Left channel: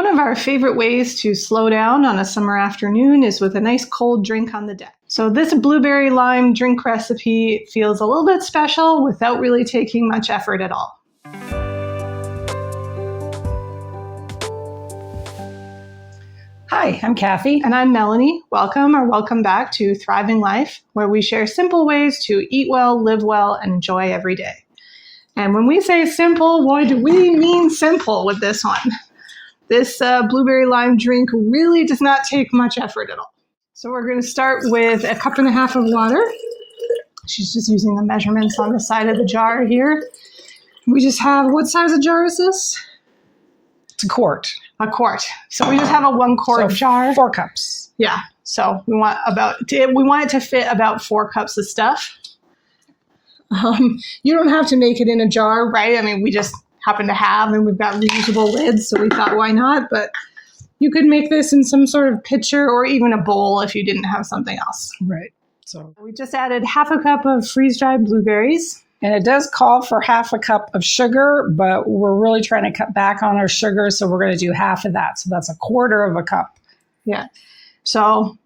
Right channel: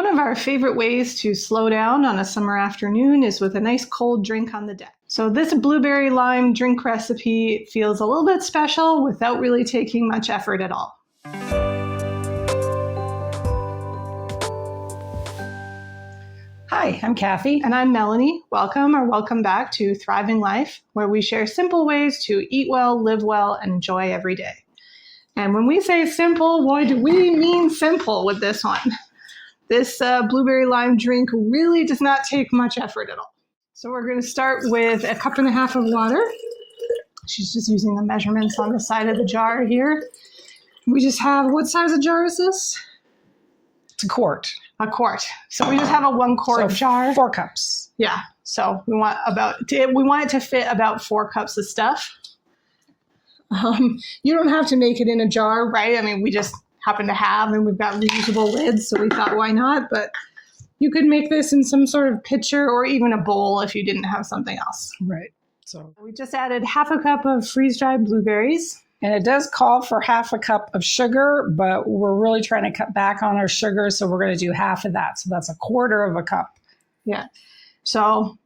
One of our favorite ways to slow down on a summer afternoon is with a nice cold drink on the deck. So this blueberry lime drink recipe feels a little bit special without really taking much effort at all. Hi, I'm Kathy. And I'm Melanie. Welcome back to Thriving Life, where we share simple ways to eat well, live well, and enjoy every day. And when we say simple, boy, do we mean simple with this one. This blueberry lime drink really does not take much effort at all. So we're going to start with 1.5 cups of water. She's just using the measurements on the side of the jar here. We just have, what size of jar is this? It's a quart. A quart. So we just have a 1 quart jar. 4 cups. Yeah. So we want it to fit about 4 cups of stuff. You don't have to make it in a jar, right? I mean, we just happen to have, and we've got reusable lids, so we thought, why not? But you could make this in some sort of pitcher or even a bowl if you didn't have something else. Right. So we just added 1/2 cup of freeze-dried blueberries. And it does call for 1/2 cup of sugar, but we're really trying to cut back on our sugar, so we're going to do half of that. So that's 1/4 cup. Yeah. So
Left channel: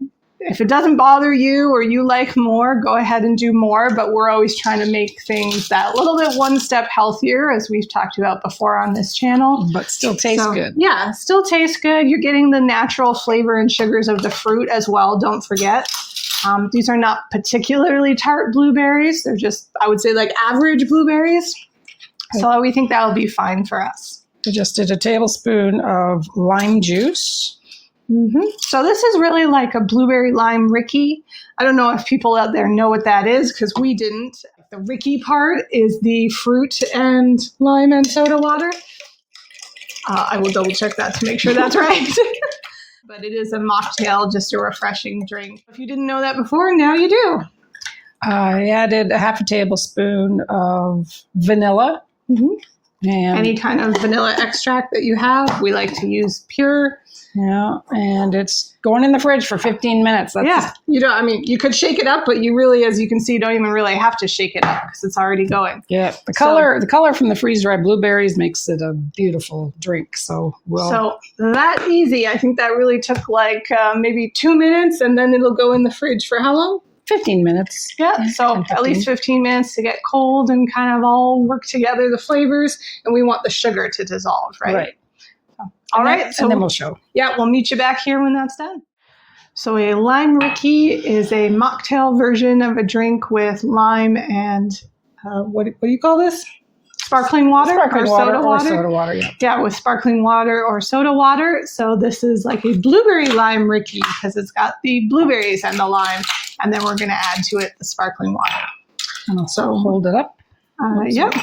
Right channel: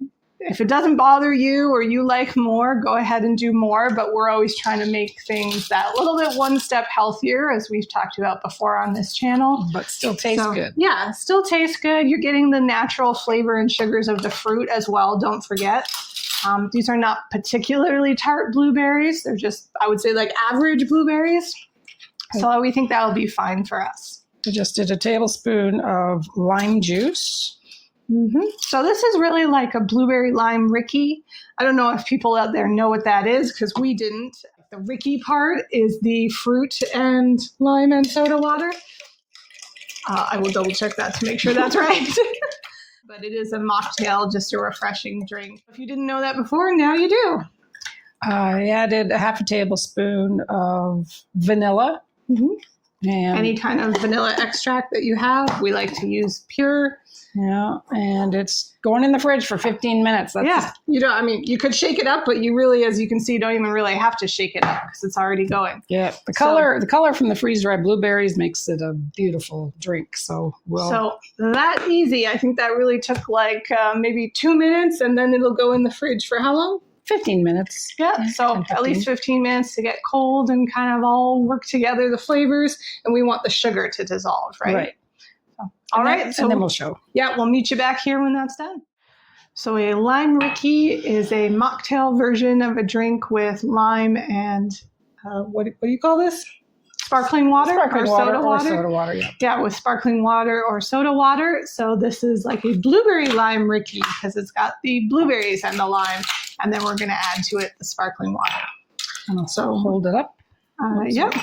if it doesn't bother you or you like more, go ahead and do more. But we're always trying to make things that little bit one step healthier, as we've talked about before on this channel. But still tastes good. Yeah, still tastes good. You're getting the natural flavor and sugars of the fruit as well. Don't forget. These are not particularly tart blueberries. They're just, I would say, like average blueberries. So we think that'll be fine for us. I just did a tablespoon of lime juice. Mm-hmm. So this is really like a Blueberry Lime Rickey. I don't know if people out there know what that is, because we didn't. The Rickey part is the fruit and lime and soda water. I will double check that to make sure that's right. But it is a mocktail, just a refreshing drink. If you didn't know that before, now you do. I added 1/2 tablespoon of vanilla. Mm-hmm. And any kind of vanilla extract that you have. We like to use pure. Yeah, and it's going in the fridge for 15 minutes. You could shake it up, but you really, as you can see, don't even really have to shake it up because it's already going. Yeah, the color from the freeze-dried blueberries makes it a beautiful drink. So that easy. I think that really took maybe 2 minutes, and then it'll go in the fridge for how long? 15 minutes. Yeah, so at least 15 minutes to get cold and kind of all work together, the flavors, and we want the sugar to dissolve, right? Right. All right. And then we'll show. Yeah, we'll meet you back here when that's done. So a Lime Rickey is a mocktail version of a drink with lime and, what do you call this? Sparkling water or soda water? Yeah, with sparkling water or soda water. So this is like a Blueberry Lime Rickey because it's got the blueberries and the lime. And then we're going to add to it the sparkling water. And also hold it up. Yep.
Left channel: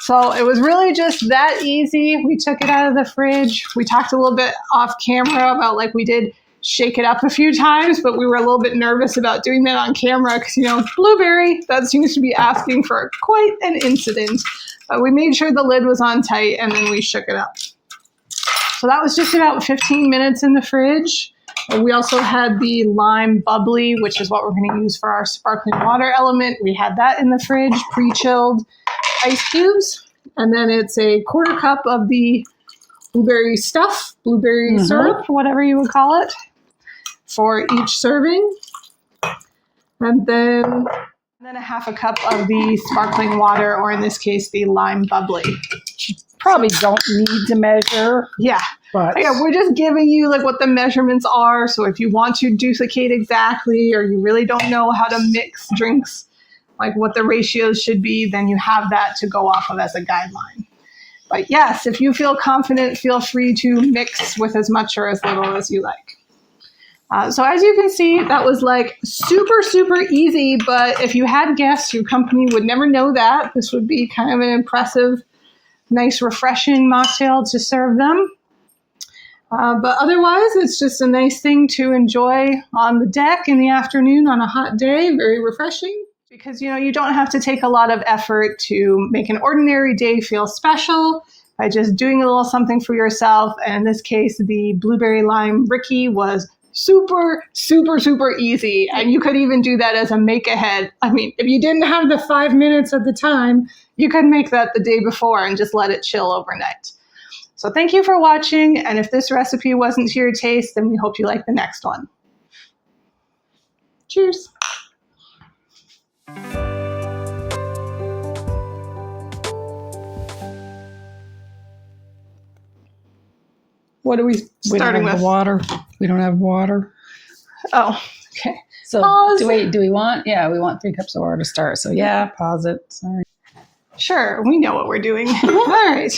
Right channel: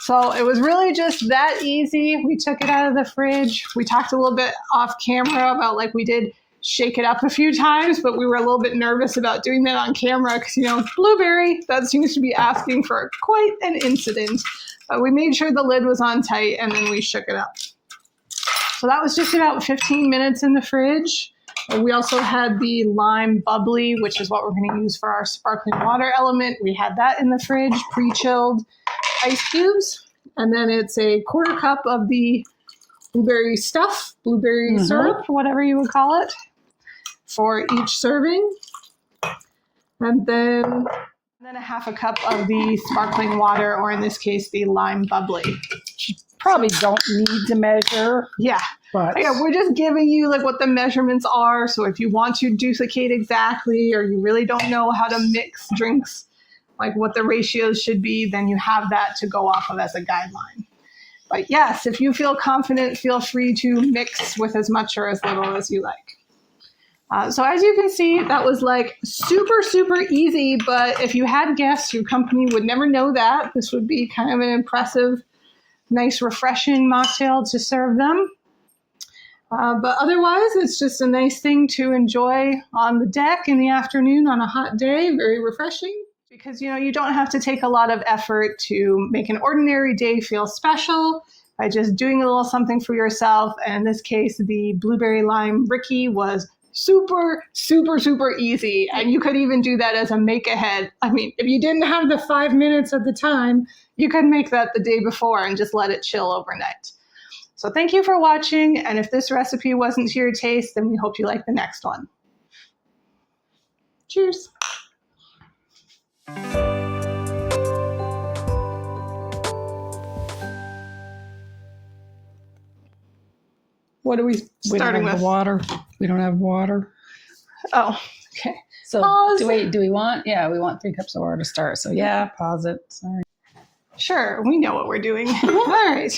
So it was really just that easy. We took it out of the fridge. We talked a little bit off camera about we did shake it up a few times, but we were a little bit nervous about doing that on camera because, blueberry, that seems to be asking for quite an incident. But we made sure the lid was on tight and then we shook it up. So that was just about 15 minutes in the fridge. We also had the lime bubbly, which is what we're going to use for our sparkling water element. We had that in the fridge, pre-chilled ice cubes. And then it's 1/4 cup of the blueberry stuff, blueberry syrup, whatever you would call it, for each serving. And then 1/2 cup of the sparkling water, or in this case, the lime bubbly. Probably don't need to measure. Yeah. But we're just giving you what the measurements are. So if you want to duplicate exactly, or you really don't know how to mix drinks, what the ratios should be, then you have that to go off of as a guideline. But yes, if you feel confident, feel free to mix with as much or as little as you like. So as you can see, that was super, super easy. But if you had guests, your company would never know that. This would be kind of an impressive, nice, refreshing mocktail to serve them. But otherwise, it's just a nice thing to enjoy on the deck in the afternoon on a hot day. Very refreshing. Because, you don't have to take a lot of effort to make an ordinary day feel special by just doing a little something for yourself. And in this case, the Blueberry Lime Rickey was super, super, super easy. And you could even do that as a make ahead. I mean, if you didn't have the 5 minutes at the time, you could make that the day before and just let it chill overnight. So thank you for watching. And if this recipe wasn't to your taste, then we hope you like the next one. Cheers. What are we starting with? Water. We don't have water. Oh, okay. So Pause. do we want? Yeah, we want 3 cups of water to start. So yeah, pause it. Sorry. Sure, we know what we're doing. All right.